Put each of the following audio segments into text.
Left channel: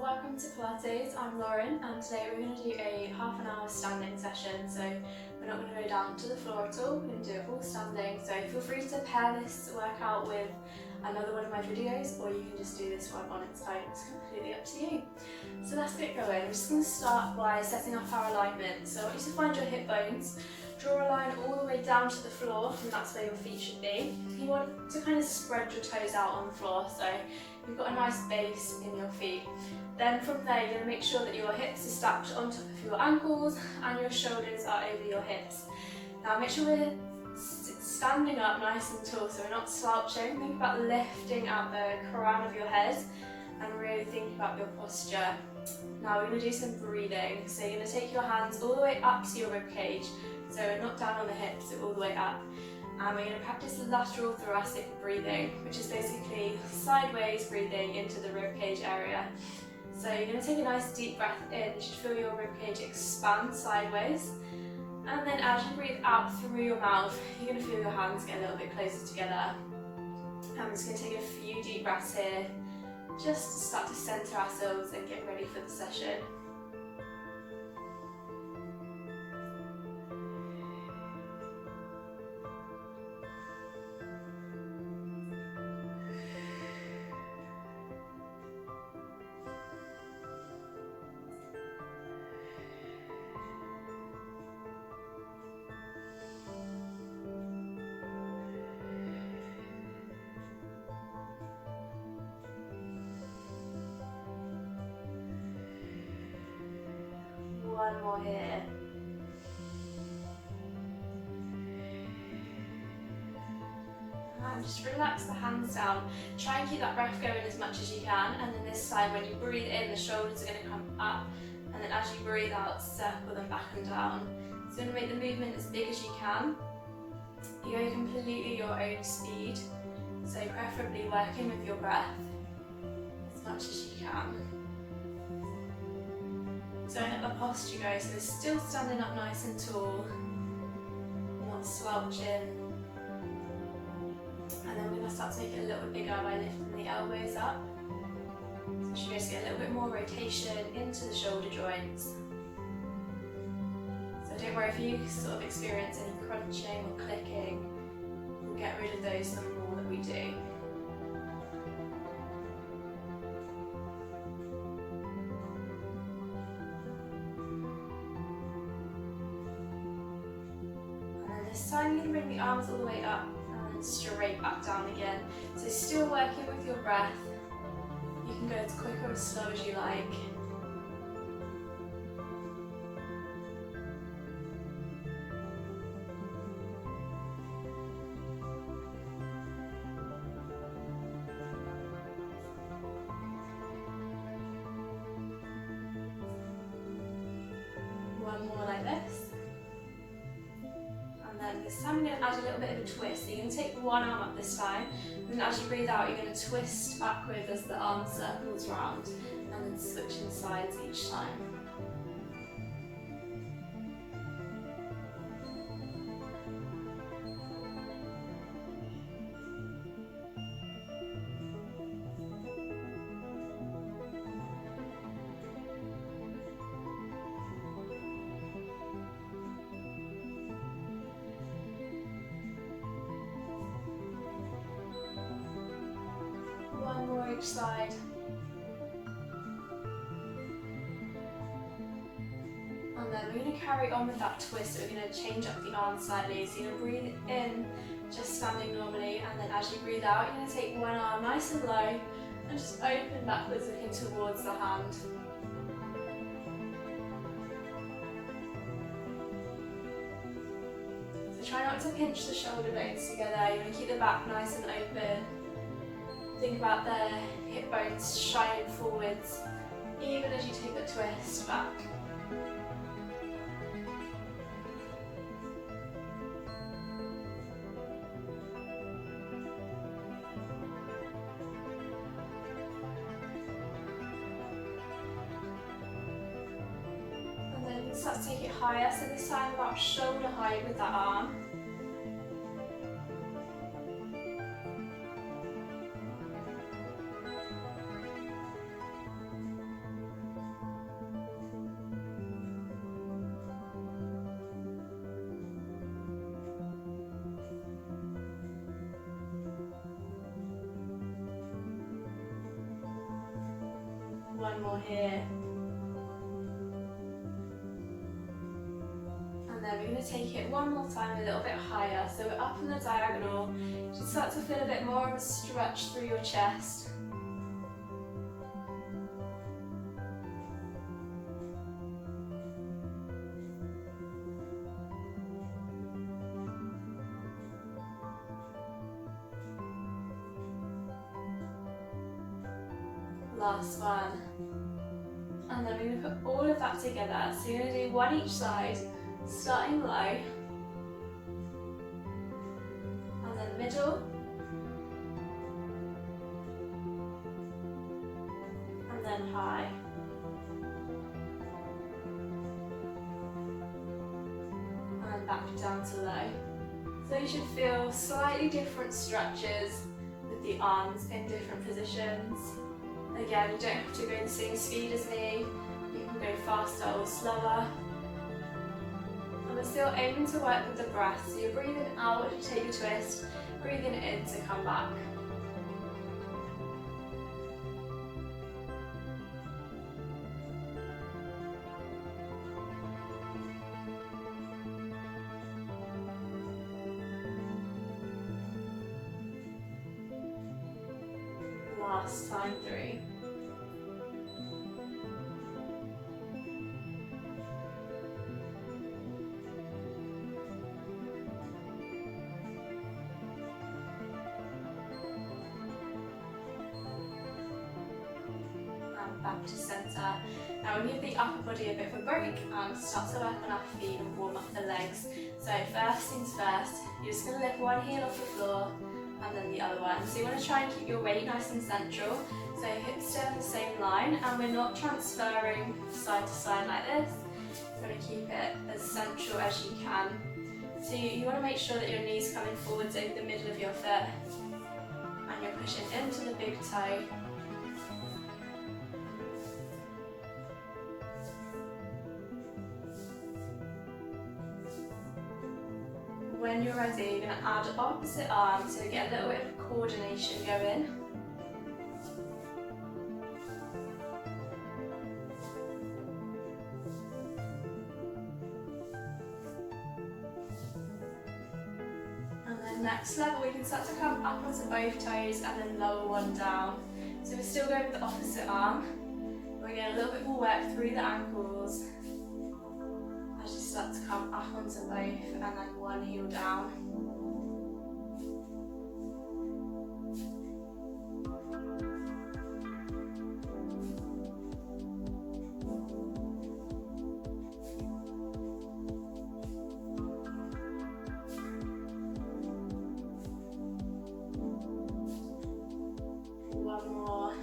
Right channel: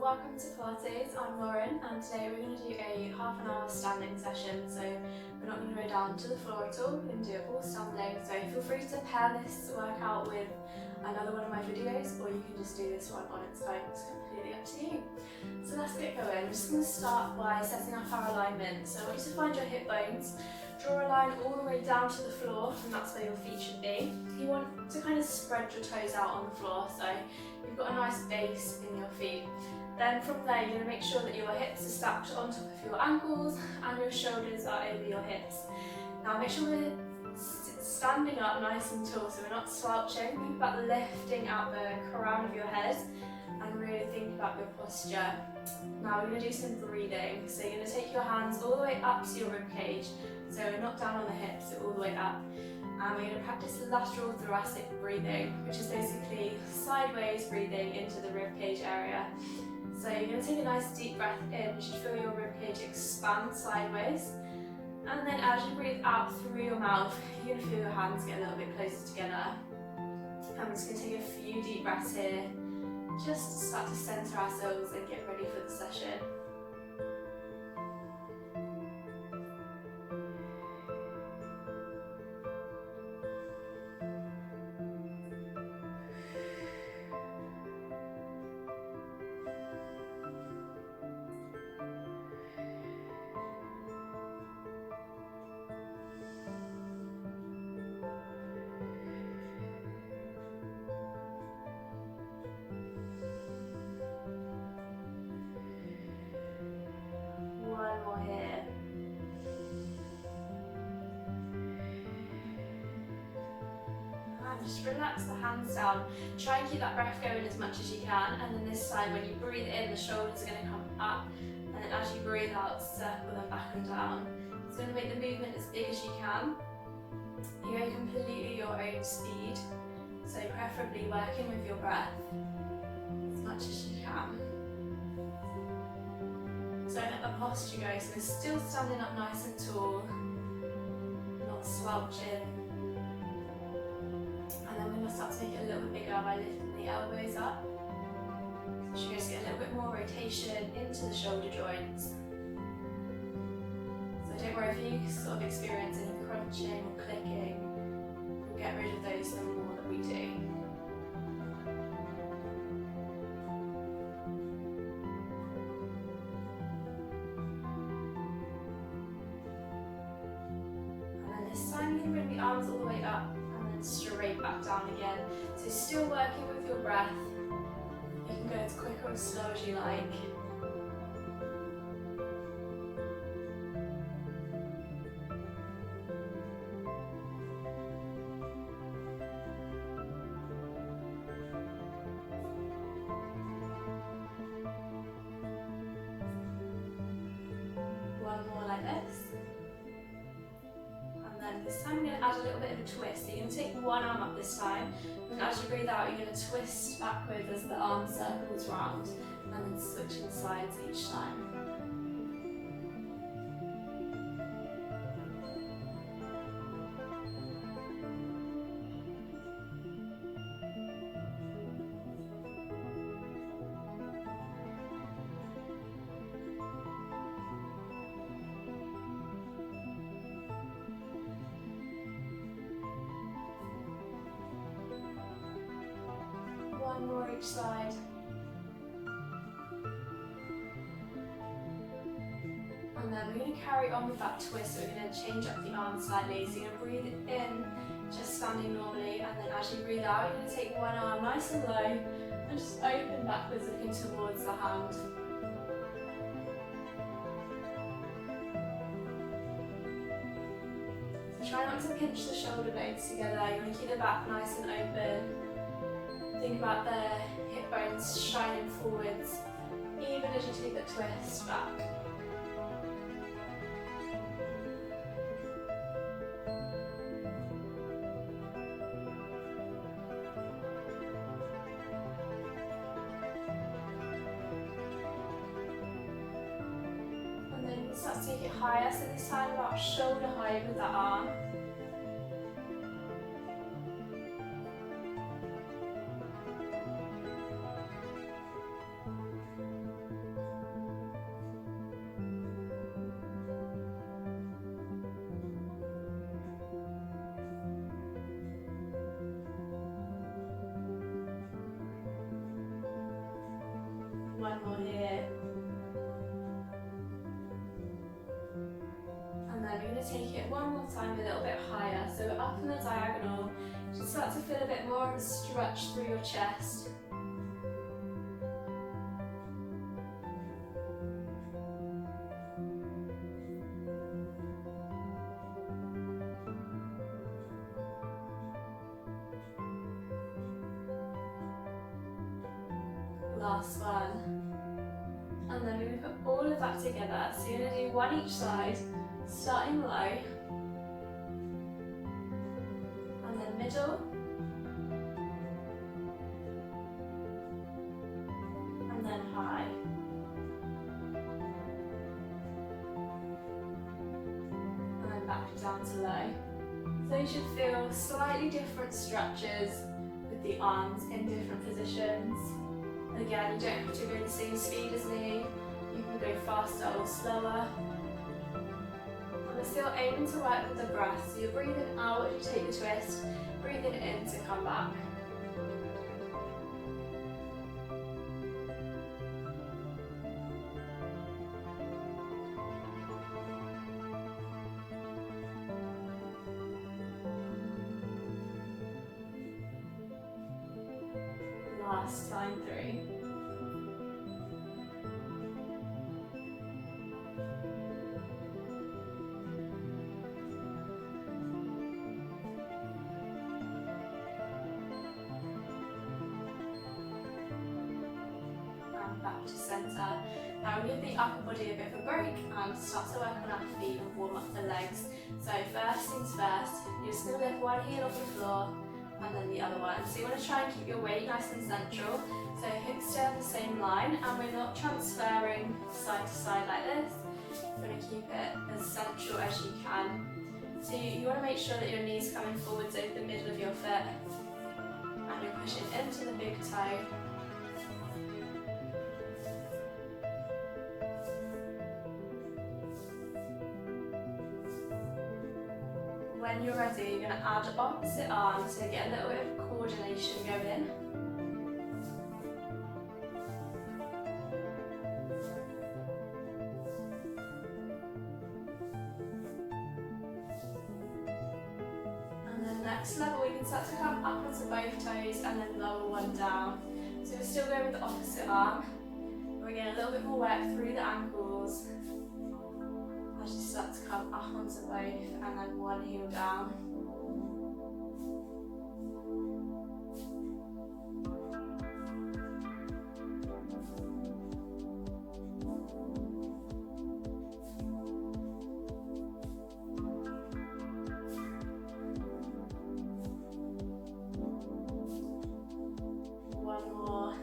welcome to Pilates. I'm Lauren and today we're going to do a half an hour standing session. So we're not going to go down to the floor at all, we're going to do it all standing. So feel free to pair this workout with another one of my videos, or you can just do this one on its own, it's completely up to you. So let's get going. I'm just going to start by setting up our alignment. So I want you to find your hip bones, draw a line all the way down to the floor, and that's where your feet should be. You want to kind of spread your toes out on the floor, so you've got a nice base in your feet. Then from there, you're going to make sure that your hips are stacked on top of your ankles and your shoulders are over your hips. Now make sure we're standing up nice and tall, so we're not slouching. Think about lifting out the crown of your head and really think about your posture. Now we're going to do some breathing. So you're going to take your hands all the way up to your rib cage. So we're not down on the hips, so all the way up. And we're going to practice lateral thoracic breathing, which is basically sideways breathing into the ribcage area. So you're going to take a nice deep breath in. You should feel your ribcage expand sideways. And then as you breathe out through your mouth, you're going to feel your hands get a little bit closer together. I'm just going to take a few deep breaths here, just to start to center ourselves and get ready for the session. One more here. And just relax the hands down. Try and keep that breath going as much as you can. And then this side, when you breathe in, the shoulders are going to come up. And then as you breathe out, circle them back and down. So you're going to make the movement as big as you can. You go completely your own speed. So preferably working with your breath as much as you can. So let the posture go, so we're still standing up nice and tall, not slouching. And then we're going to start to make it a little bit bigger by lifting the elbows up. So you should just get a little bit more rotation into the shoulder joints. So don't worry if you sort of experience any crunching or clicking, we'll get rid of those the more that we do. This time you're going to bring the arms all the way up and then straight back down again. So still working with your breath. You can go as quick or as slow as you like. One more like this. This time I'm going to add a little bit of a twist. So you're going to take one arm up this time, and as you breathe out you're going to twist backwards as the arm circles round, and then switching sides each time. One more each side. And then we're going to carry on with that twist, so we're going to change up the arm slightly. So you're going to breathe in, just standing normally, and then as you breathe out, you're going to take one arm nice and low, and just open backwards looking towards the hand. So try not to pinch the shoulder blades together, you want to keep the back nice and open. Think about the hip bones shining forwards, even as you take the twist back. And then start to take it higher, so this time about shoulder height with that arm. One more here. And then we're going to take it one more time a little bit higher. So we're up in the diagonal. You start to feel a bit more of a stretch through your chest. Last one. And then we're going to put all of that together. So you're going to do one each side, starting low, and then middle, and then high. And back down to low. So you should feel slightly different stretches with the arms in different positions. Again, you don't have to go the same speed as me, you can go faster or slower. And we're still aiming to work with the breath, so you're breathing out as you take a twist, breathing in to come back. Last time, 3. And back to centre. Now we'll give the upper body a bit of a break and start to work on our feet and warm up the legs. So first things first, you're just going to lift one heel off the floor and then the other one. So you want to try and keep your weight nice and central. So hips stay on the same line and we're not transferring side to side like this. You're going to keep it as central as you can. So you want to make sure that your knees coming forwards over the middle of your foot and you're pushing into the big toe. When you're ready, you're going to add opposite arm, so get a little bit of coordination going. And then next level, we can start to come up onto both toes and then lower one down. So we're still going with the opposite arm. We're getting a little bit more work through the ankles. As you start to come up onto both and then one heel down. One more.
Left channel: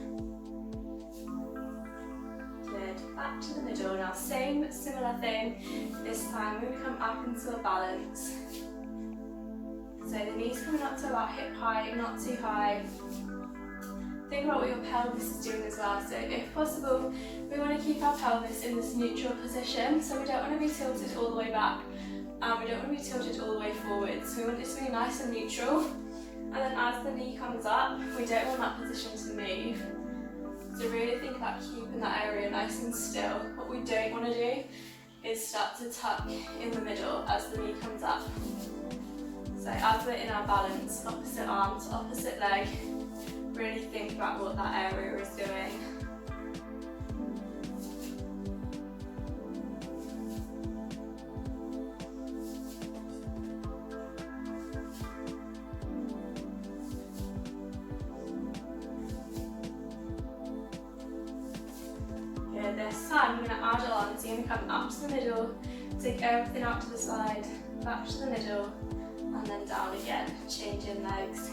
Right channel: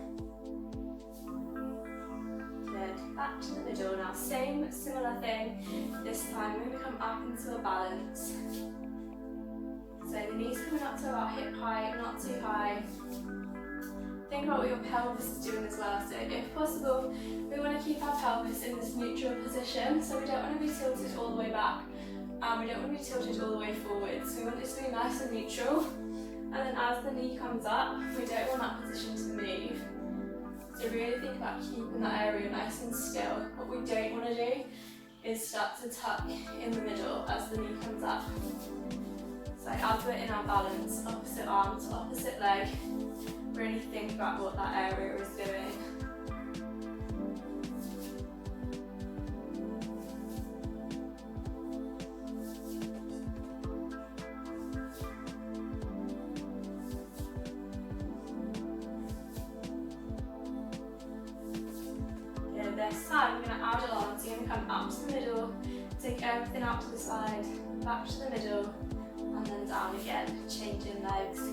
Good. Back to the middle. Now same similar thing. This time we're going to come up into a balance. So the knees coming up to about hip height, not too high. Think about what your pelvis is doing as well. So if possible, we want to keep our pelvis in this neutral position. So we don't want to be tilted all the way back and we don't want to be tilted all the way forwards. We want it to be nice and neutral. And then as the knee comes up, we don't want that position to move. So really think about keeping that area nice and still. What we don't want to do is start to tuck in the middle as the knee comes up. So as we're in our balance, opposite arm to opposite leg, really think about what that area is doing. This time we're going to add it on, so you're going to come up to the middle, take everything out to the side, back to the middle, and then down again, changing legs.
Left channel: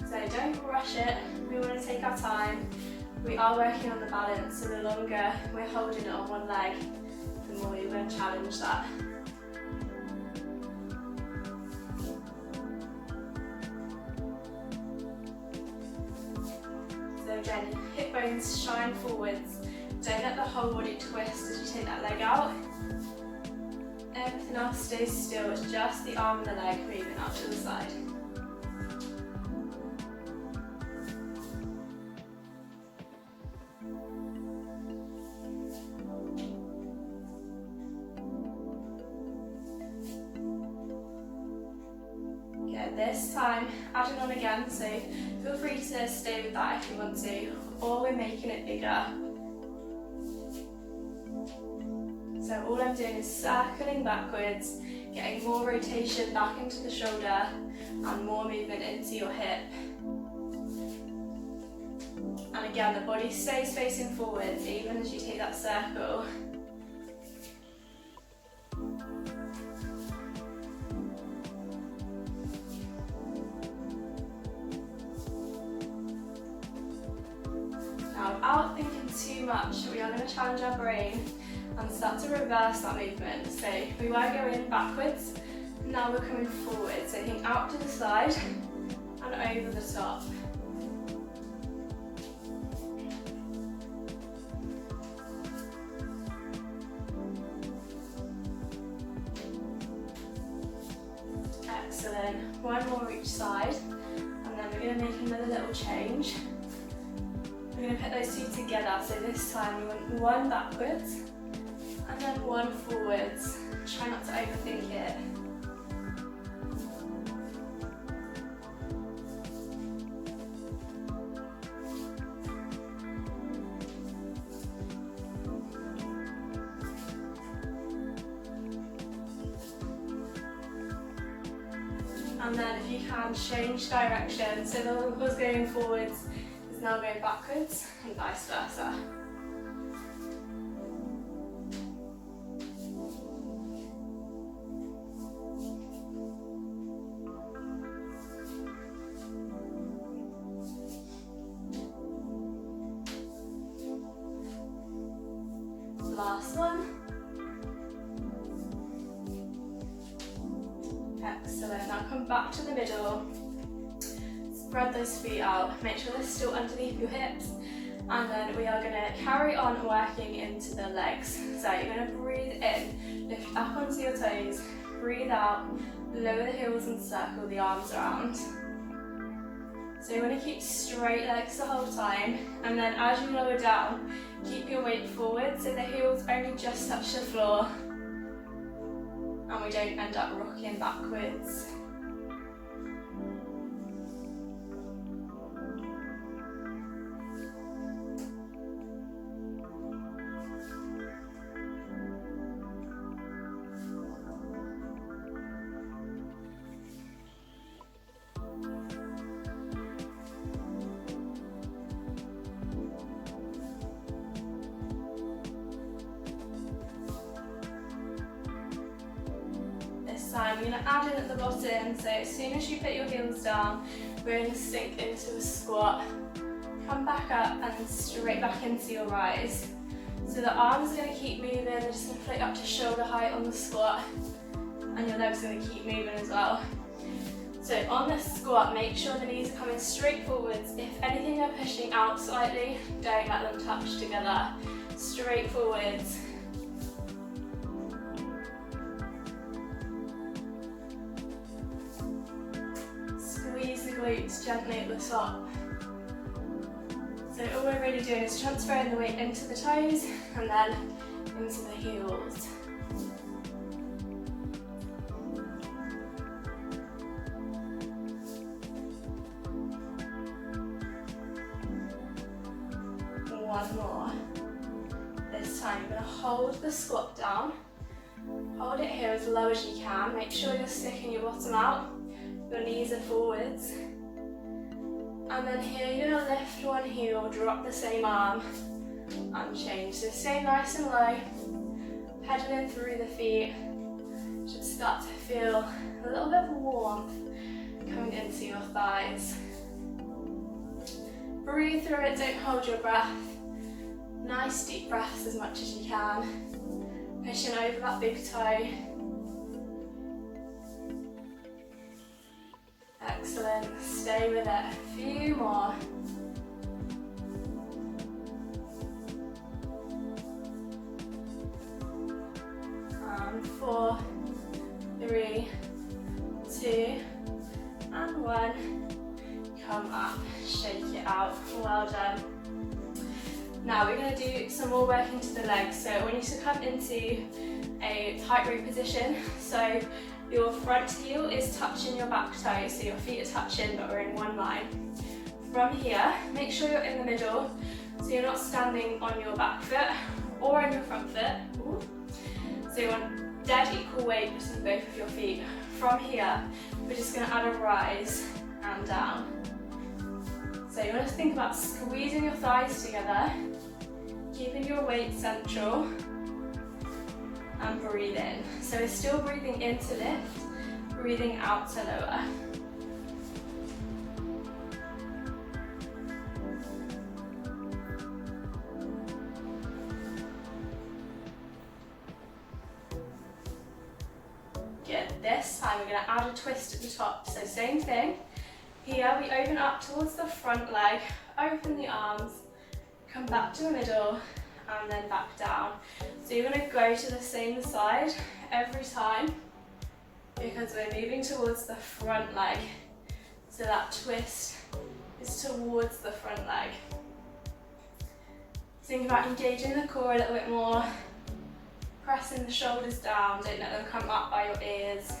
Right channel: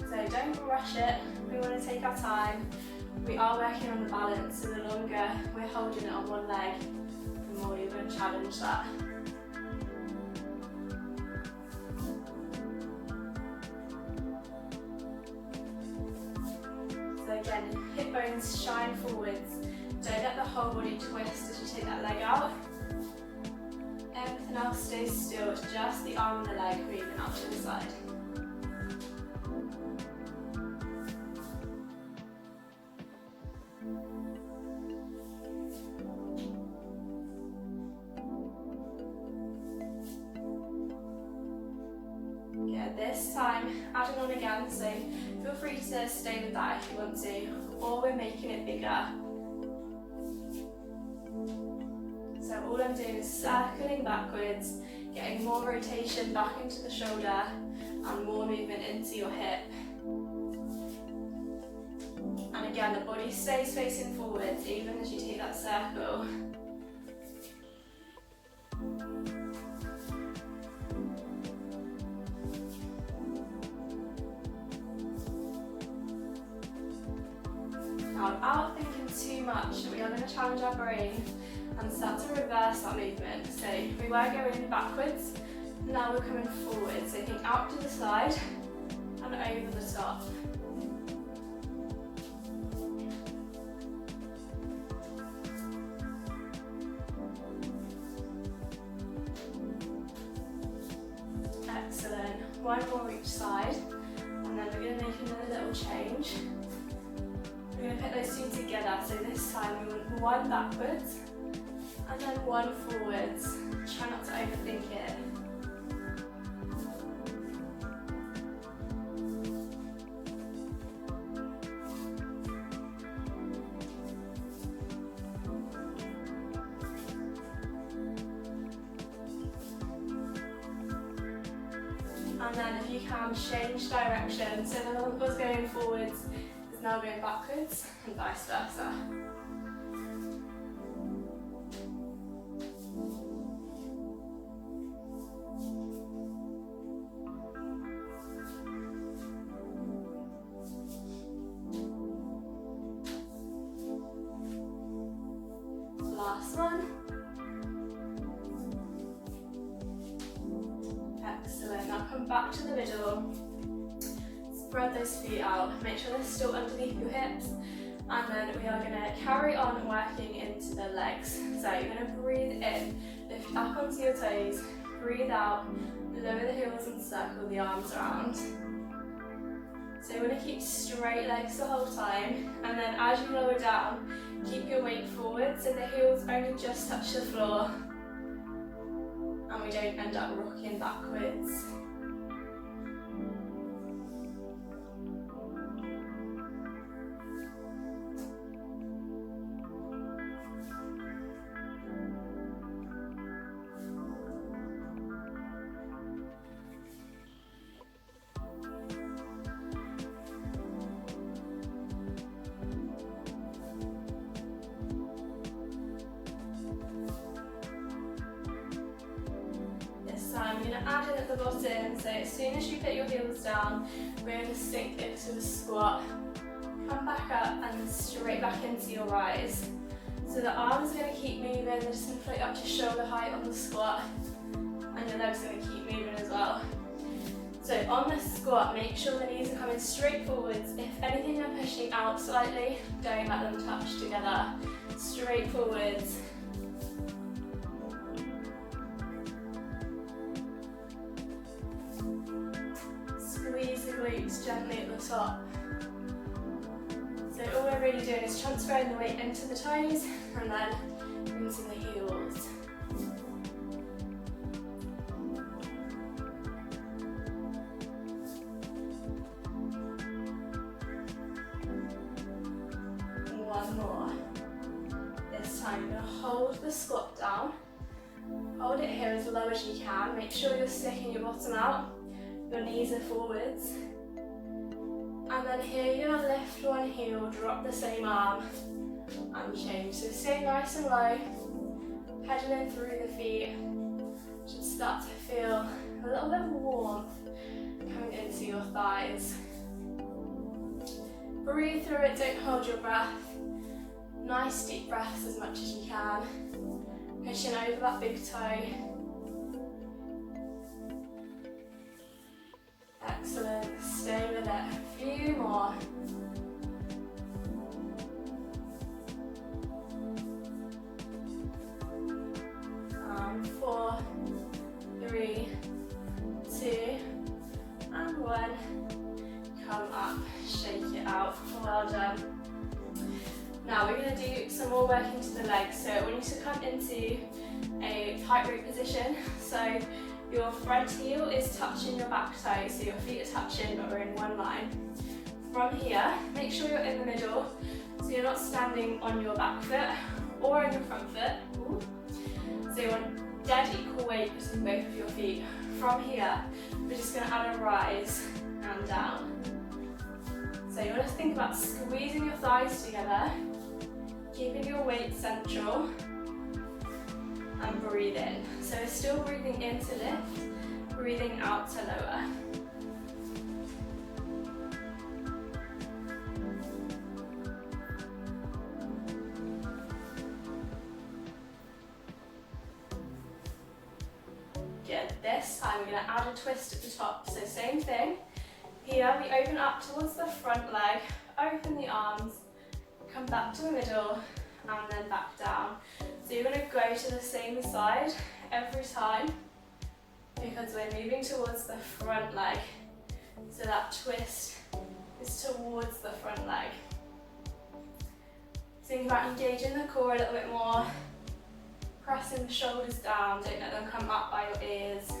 So don't rush it, we want to take our time. We are working on the balance, so the longer we're holding it on one leg, the more you're going to challenge that. So again, hip bones shine forwards. Don't let the whole body twist as you take that leg out. Everything else stays still, it's just the arm and the leg moving out to the side. This time, adding on again, so feel free to stay with that if you want to, or we're making it bigger. So all I'm doing is circling backwards, getting more rotation back into the shoulder and more movement into your hip. And again, the body stays facing forwards even as you take that circle. Now, without thinking too much, we are going to challenge our brain and start to reverse that movement. So we were going backwards, now we're coming forward. So think out to the side and over the top. Excellent. One more each side, and then we're going to make another little change. We're going to put those two together. So this time we want one backwards and then one forwards. Try not to overthink it. And then if you can, change direction. So the one was going forwards is now going backwards and vice versa. Last one. Excellent. Now come back to the middle. Spread those feet out. Make sure they're still underneath your hips. And then we are going to carry on working into the legs. So you're going to breathe in, lift up onto your toes, breathe out, lower the heels and circle the arms around. So you want to keep straight legs the whole time, and then as you lower down, keep your weight forward so the heels only just touch the floor and we don't end up rocking backwards. I'm going to add in at the bottom, so as soon as you put your heels down, we're going to sink into a squat, come back up and straight back into your rise. So the arms are going to keep moving, they're just going to float up to shoulder height on the squat, and your legs are going to keep moving as well. So on the squat, make sure the knees are coming straight forwards. If anything they're pushing out slightly, don't let them touch together. Straight forwards. Squeeze the glutes gently at the top. So all we're really doing is transferring the weight into the toes and then into the heels. One more. This time you're going to hold the squat down. Hold it here as low as you can. Make sure you're sticking your bottom out. Your knees are forwards. And then here you're going to lift one heel, drop the same arm and change. So stay nice and low, pedaling through the feet. Should start to feel a little bit of warmth coming into your thighs. Breathe through it, don't hold your breath. Nice deep breaths as much as you can. Pushing over that big toe. Excellent, stay with it, a few more. And 4, 3, 2, and 1. Come up, shake it out, well done. Now we're going to do some more work into the legs. So I want you to come into a tightrope position. So Your front heel is touching your back toe, so your feet are touching but we're in one line. From here, make sure you're in the middle, so you're not standing on your back foot or on your front foot. Ooh. So you want dead equal weight between both of your feet. From here, we're just going to add a rise and down. So you want to think about squeezing your thighs together, keeping your weight central, and breathe in. So we're still breathing in to lift, breathing out to lower. Good. This time we're going to add a twist at the top. So same thing. Here we open up towards the front leg, open the arms, come back to the middle, and then back down. So you're going to go to the same side every time because we're moving towards the front leg. So that twist is towards the front leg. Think about engaging the core a little bit more, pressing the shoulders down, don't let them come up by your ears.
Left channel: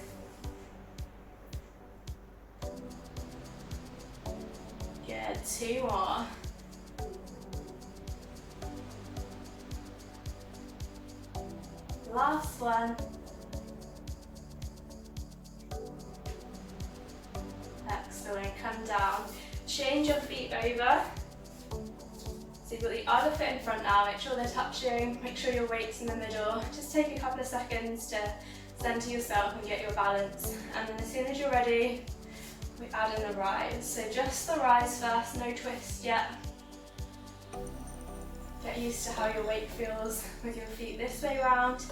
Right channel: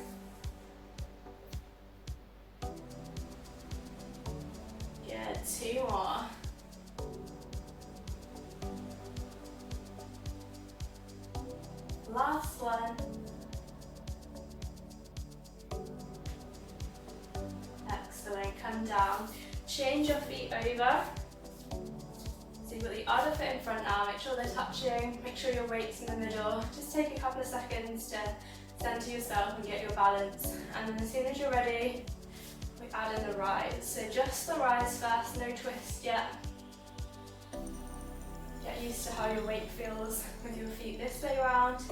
Good, 2 more. Last one. Excellent, come down. Change your feet over. So you've got the other foot in front now, make sure they're touching, make sure your weight's in the middle. Just take a couple of seconds to center yourself and get your balance. And then as soon as you're ready, we add in a rise. So just the rise first, no twist yet. Get used to how your weight feels with your feet this way around.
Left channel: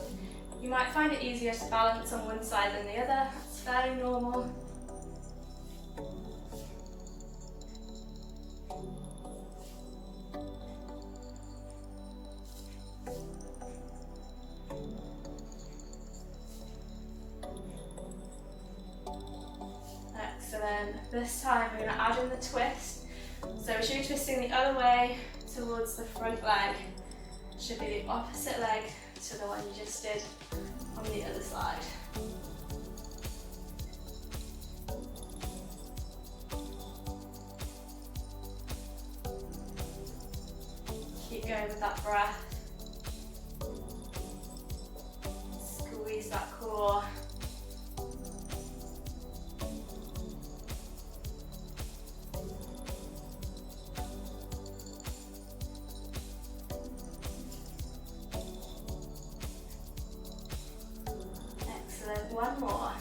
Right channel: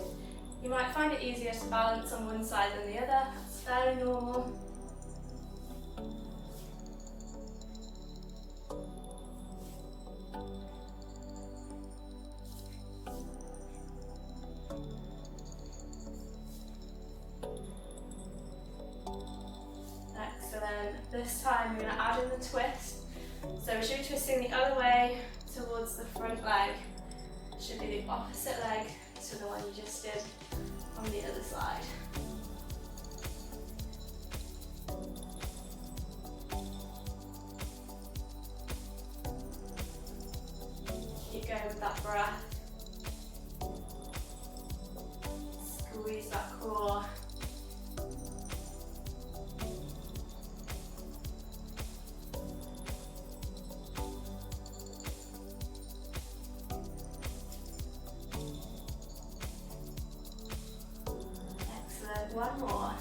You might find it easier to balance on one side than the other, that's fairly normal. Excellent. This time we're going to add in the twist. So we should be twisting the other way towards the front leg. Should be the opposite leg to the one you just did on the other side. Keep going with that breath. Squeeze that core. One more.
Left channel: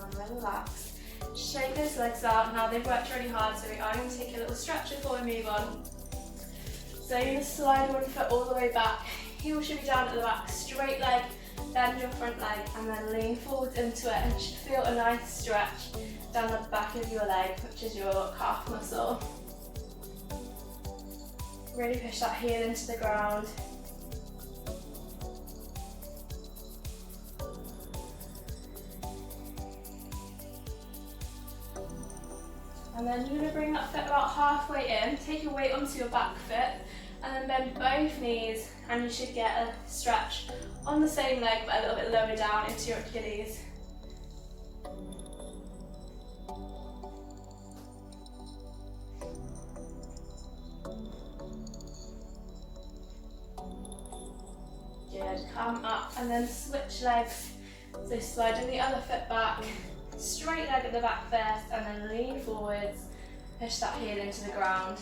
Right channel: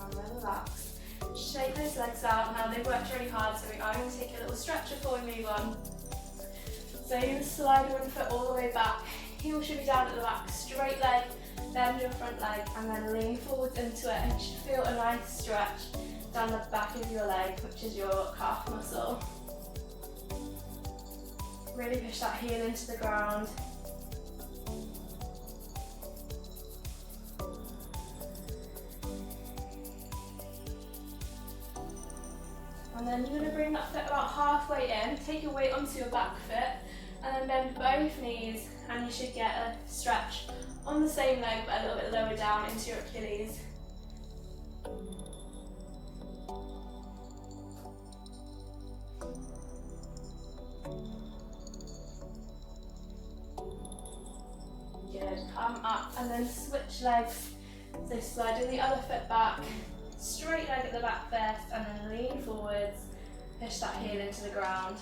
And relax. Shake those legs out. Now they've worked really hard, so we are going to take a little stretch before we move on. So you're going to slide one foot all the way back. Heel should be down at the back. Straight leg, bend your front leg, and then lean forwards into it. And you should feel a nice stretch down the back of your leg, which is your calf muscle. Really push that heel into the ground. And then you're going to bring that foot about halfway in, take your weight onto your back foot, and then bend both knees, and you should get a stretch on the same leg, but a little bit lower down into your Achilles. Good, come up, and then switch legs. So sliding the other foot back, straight leg at the back first, and then lean forwards, push that heel into the ground.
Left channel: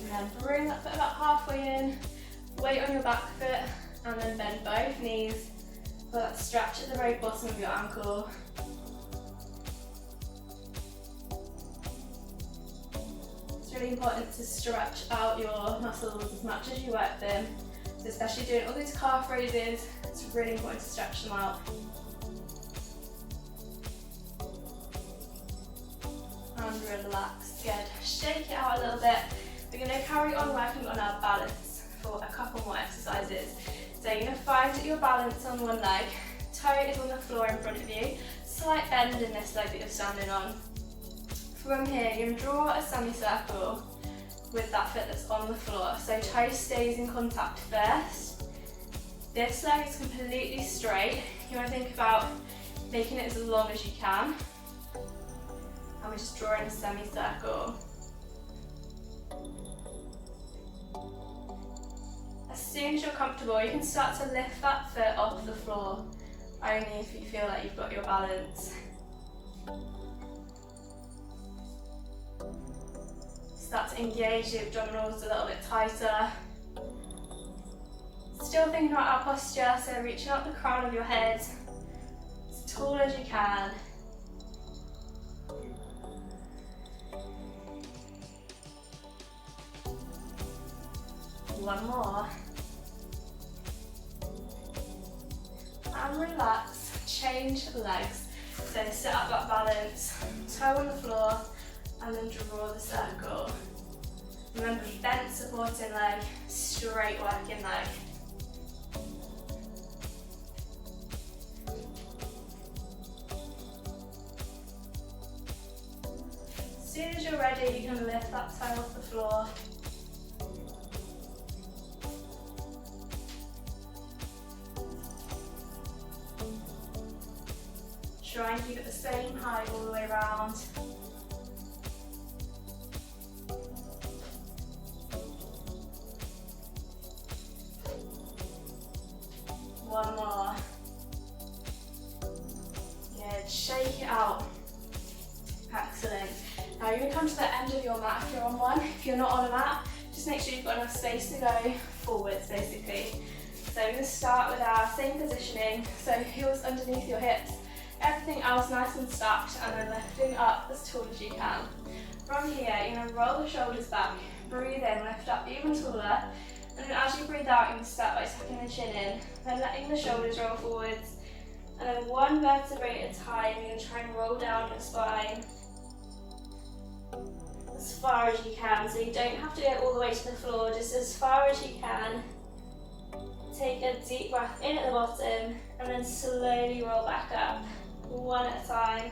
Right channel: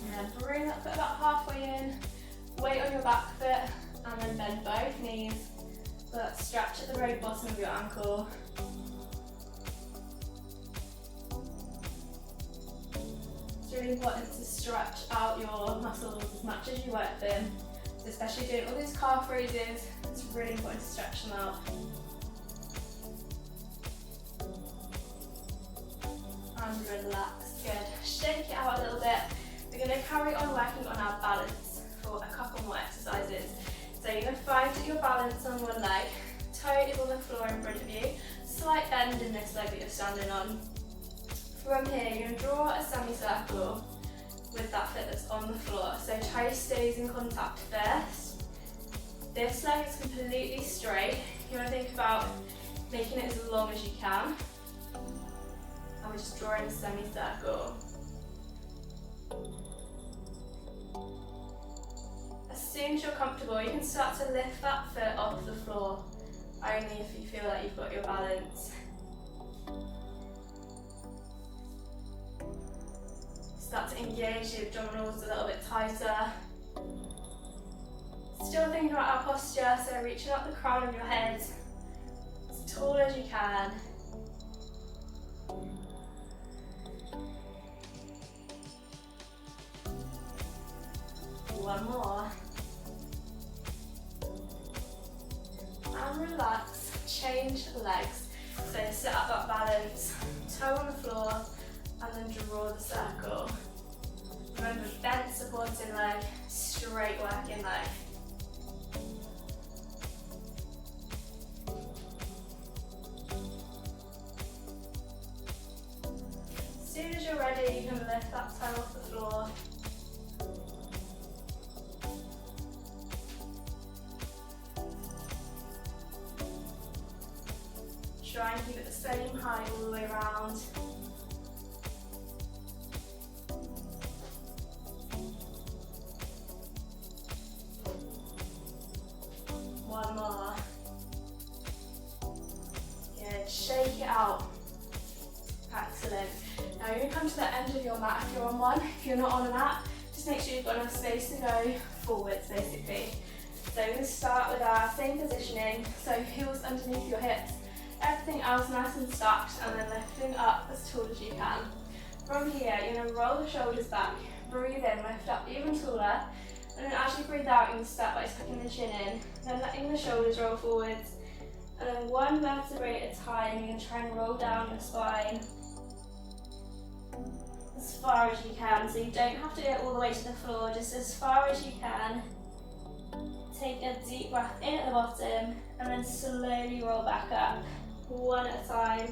And then bring that foot about halfway in, weight on your back foot, and then bend both knees. So that stretch at the very bottom of your ankle. It's really important to stretch out your muscles as much as you work them. So especially doing all these calf raises, it's really important to stretch them out. And relax. Good. Shake it out a little bit. We're going to carry on working on our balance for a couple more exercises. So you're going to find your balance on one leg, toe is on the floor in front of you, slight bend in this leg that you're standing on. From here, you're going to draw a semicircle with that foot that's on the floor. So toe stays in contact first. This leg is completely straight. You want to think about making it as long as you can. And we're just drawing a semicircle. As soon as you're comfortable, you can start to lift that foot off the floor, only if you feel like you've got your balance. Start to engage the abdominals a little bit tighter. Still thinking about our posture, so reaching up the crown of your head as tall as you can. One more. And relax, change legs. So set up that balance, toe on the floor, and then draw the circle. Remember, bent supporting leg, straight working leg. As soon as you're ready, you can lift that toe off the floor. Try and keep it the same height all the way around. One more. Good, shake it out. Excellent. Now you're going to come to the end of your mat if you're on one. If you're not on a mat, just make sure you've got enough space to go forwards basically. So we're going to start with our same positioning, so heels underneath your hips. Everything else nice and stacked, and then lifting up as tall as you can. From here, you're going to roll the shoulders back, breathe in, lift up even taller, and then as you breathe out, you're going to start by tucking the chin in, then letting the shoulders roll forwards, and then one vertebrae at a time, you're going to try and roll down your spine as far as you can, so you don't have to go all the way to the floor, just as far as you can. Take a deep breath in at the bottom, and then slowly roll back up. One at a time.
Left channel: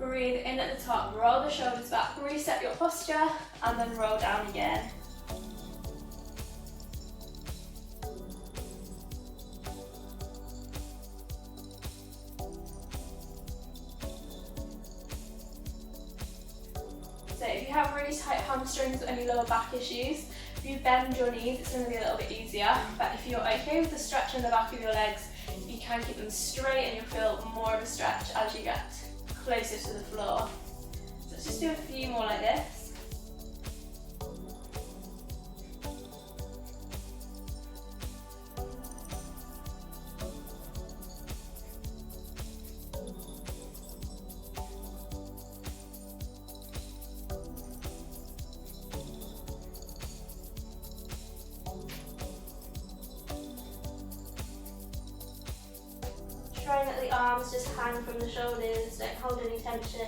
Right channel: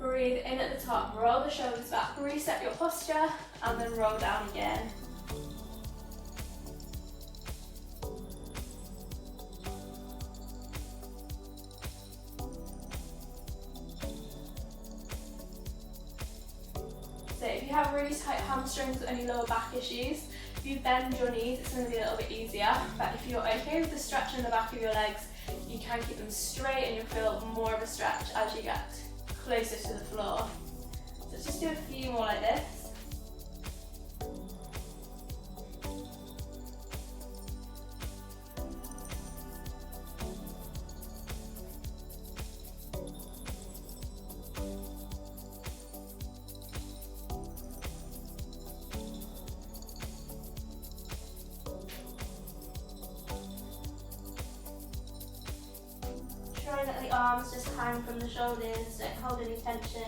Breathe in at the top, roll the shoulders back, reset your posture, and then roll down again. So if you have really tight hamstrings or any lower back issues, if you bend your knees, it's going to be a little bit easier. But if you're okay with the stretch in the back of your legs, you can keep them straight and you'll feel more of a stretch as you get closer to the floor. So let's just do a few more like this. Try and let the arms just hang from the shoulders, don't hold any tension.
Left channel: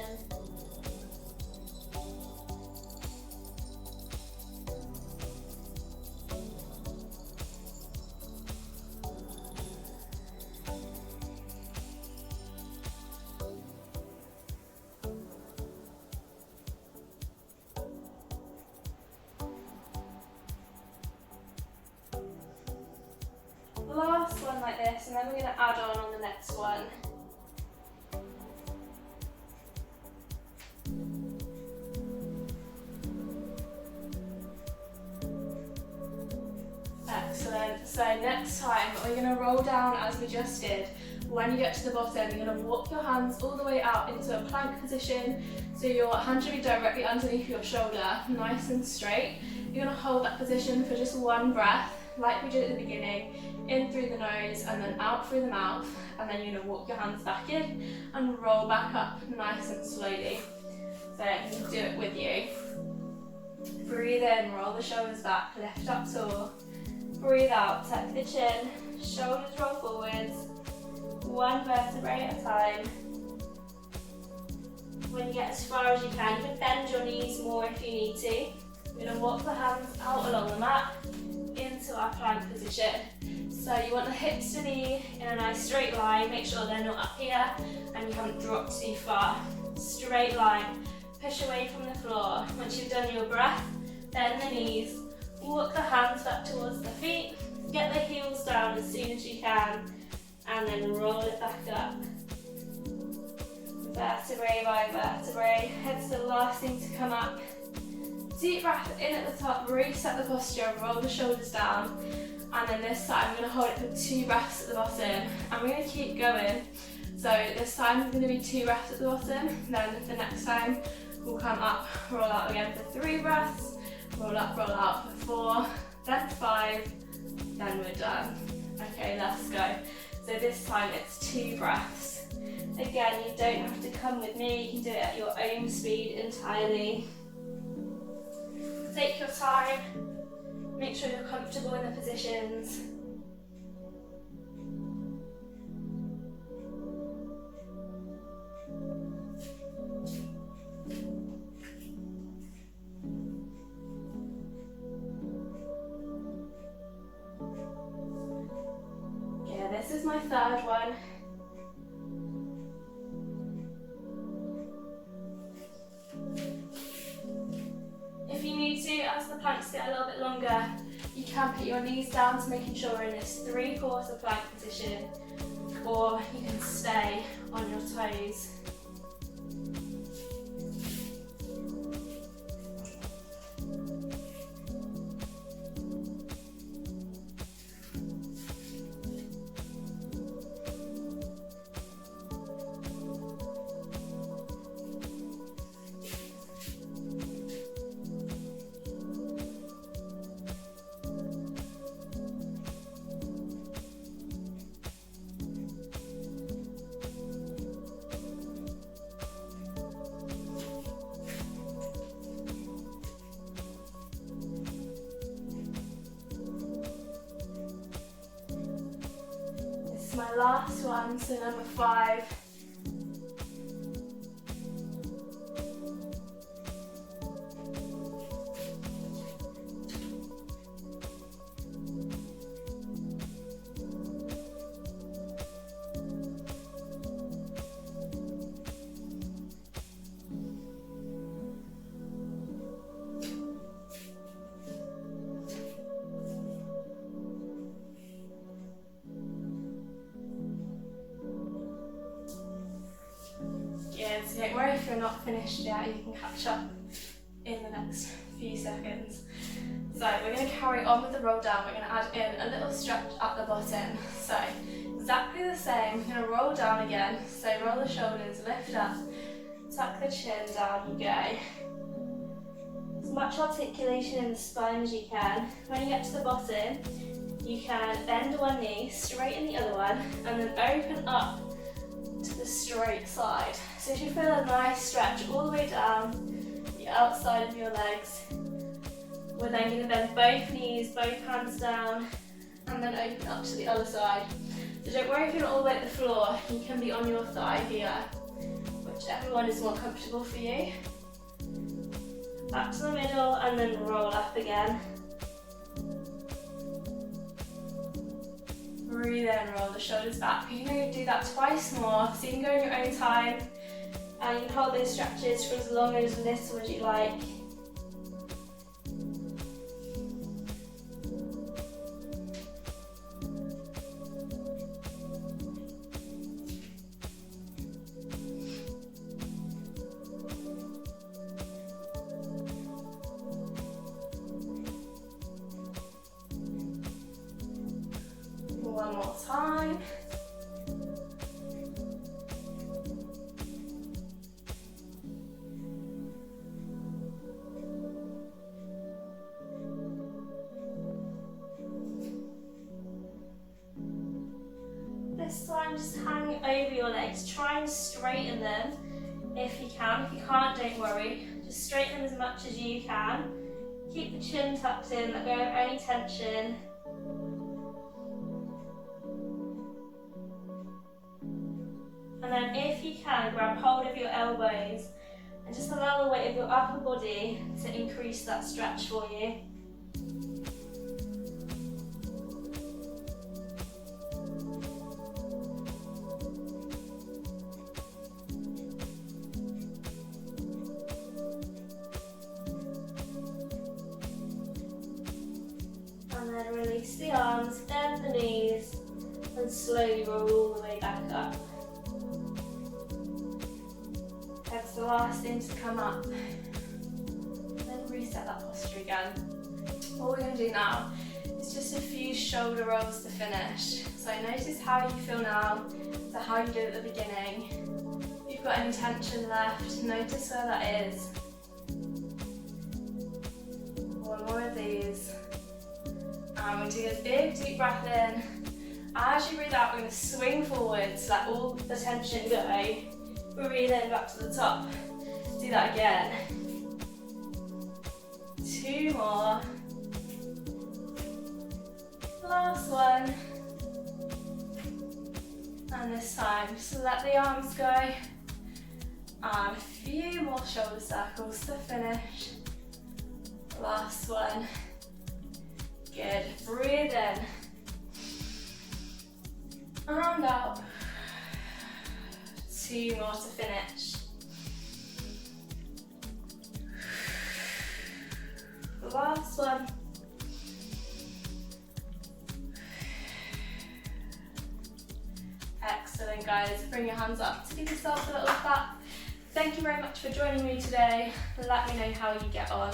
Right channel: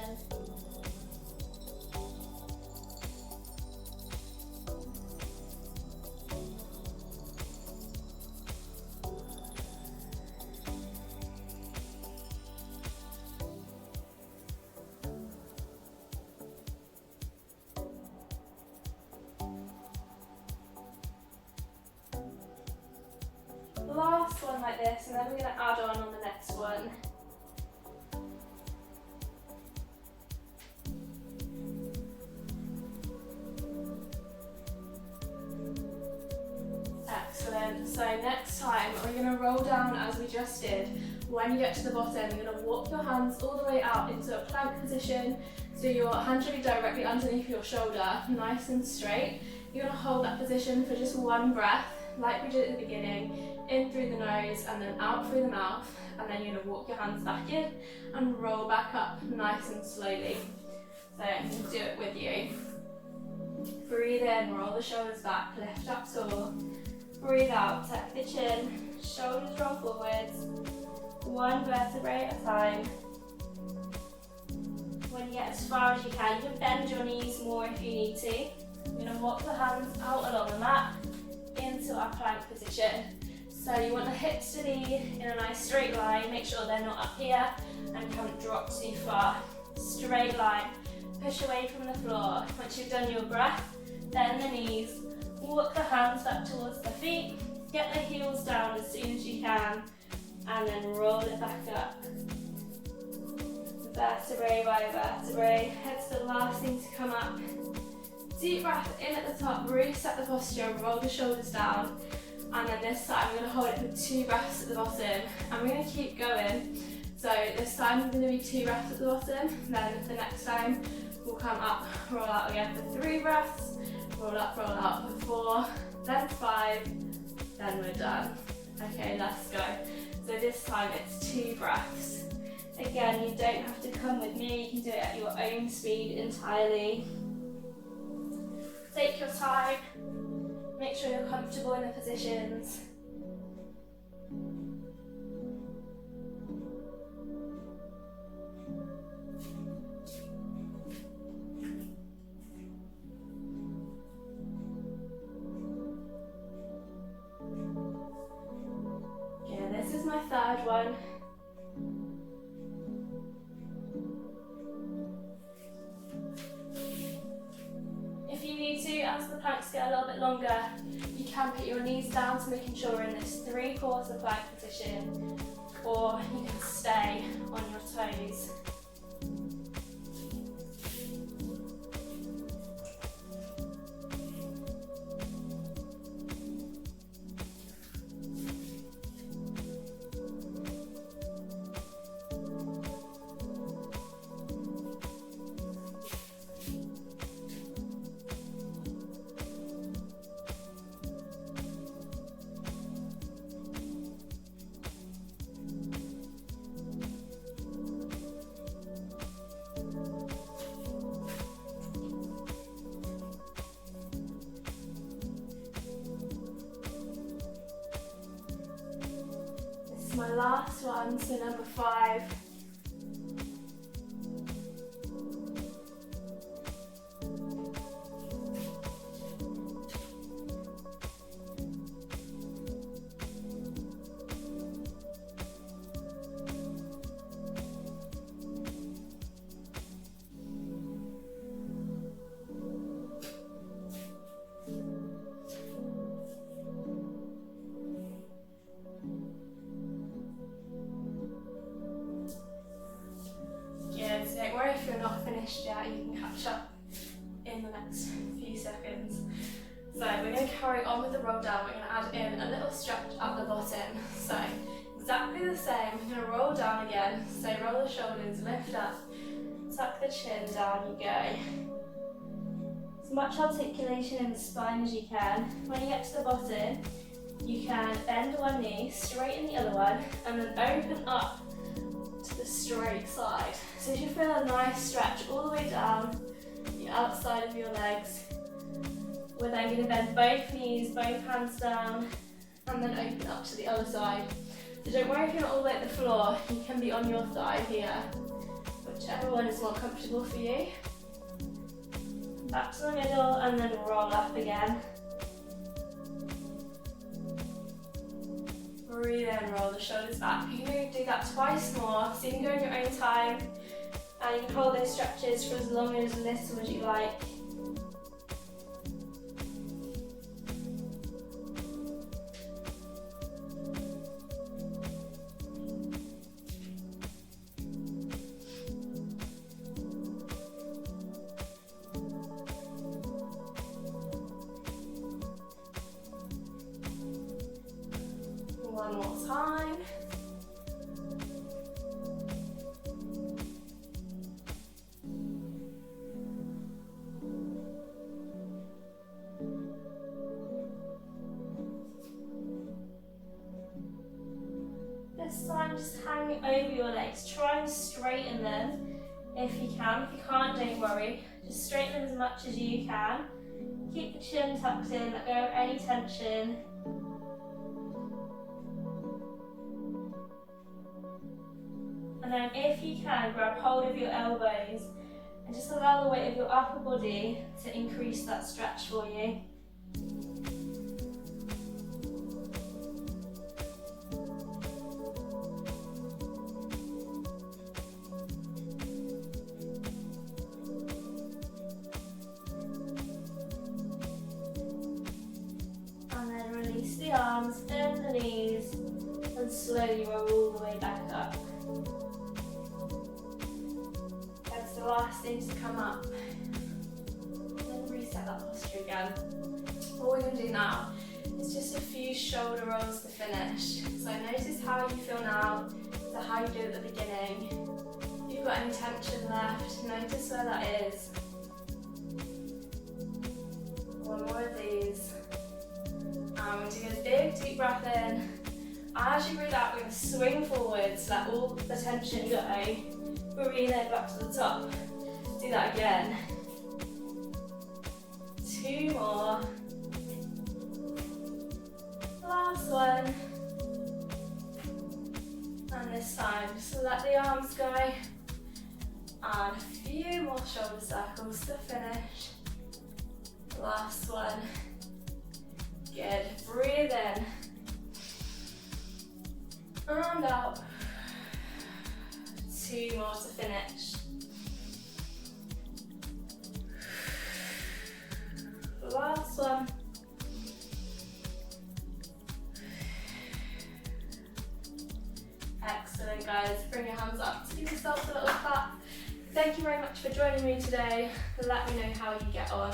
Last one like this, and then we're going to add on the next one. Excellent. So next time we're going to roll down as we just did. When you get to the bottom, you're going to walk your hands all the way out into a plank position, so your hands should be directly underneath your shoulder, nice and straight. You're going to hold that position for just one breath, like we did at the beginning. In through the nose and then out through the mouth, and then you're going to walk your hands back in and roll back up nice and slowly. So you can do it with you. Breathe in, roll the shoulders back, lift up tall. Breathe out, tuck the chin, shoulders roll forwards, one vertebrae at a time. When you get as far as you can bend your knees more if you need to. We're going to walk the hands out along the mat into our plank position. So you want the hips to be in a nice straight line. Make sure they're not up here and you haven't dropped too far. Straight line. Push away from the floor. Once you've done your breath, bend the knees. Walk the hands back towards the feet. Get the heels down as soon as you can. And then roll it back up. Vertebrae by vertebrae. Head's the last thing to come up. Deep breath in at the top, reset the posture, roll the shoulders down. And then this time I'm going to hold it for 2 breaths at the bottom. And we're going to keep going. So this time it's going to be 2 breaths at the bottom. Then the next time we'll come up, roll out again for 3 breaths. Roll up, roll out for 4, then 5, then we're done. Okay, let's go. So this time it's 2 breaths. Again, you don't have to come with me, you can do it at your own speed entirely. Take your time, make sure you're comfortable in the positions. Yeah, this is my 3rd one. As the planks get a little bit longer, you can put your knees down to making sure we're in this 3/4 plank position, or you can stay on your toes. My last one, so number 5. So don't worry if you're not finished yet, you can catch up in the next few seconds. So we're going to carry on with the roll down. We're going to add in a little stretch at the bottom. So exactly the same, we're going to roll down again. So roll the shoulders, lift up, tuck the chin, down you go. As much articulation in the spine as you can. When you get to the bottom, you can bend one knee, straighten the other one, and then open up to the straight side. So you should feel a nice stretch all the way down the outside of your legs. We're then going to bend both knees, both hands down, and then open up to the other side. So don't worry if you're not all the way at the floor, you can be on your thigh here, whichever one is more comfortable for you. Back to the middle and then roll up again. Breathe in, roll the shoulders back. You can do that twice more, so you can go in your own time. And you can hold those stretches for as long and as little as you like. One more time. This time just hang over your legs, try and straighten them if you can. If you can't, don't worry, just straighten them as much as you can. Keep the chin tucked in, let go of any tension. And then if you can, grab hold of your elbows and just allow the weight of your upper body to increase that stretch for you. And then release the arms, bend the knees, and slowly roll all the way back up. That's the last thing to come up. Then reset that posture again. What we're going to do now is just a few shoulder rolls to finish. So notice how you feel now, so how you did at the beginning. If you've got any tension left, notice where that is. One more of these. And we're doing a big deep breath in. As you breathe out, we're going to swing forward to let all the tension go. Breathe in back to the top. Do that again. 2 more. Last one. And this time, just let the arms go. And a few more shoulder circles to finish. Last one. Good. Breathe in. And out. 2 more to finish. Last one. Excellent, guys. Bring your hands up to give yourself a little clap. Thank you very much for joining me today. Let me know how you get on.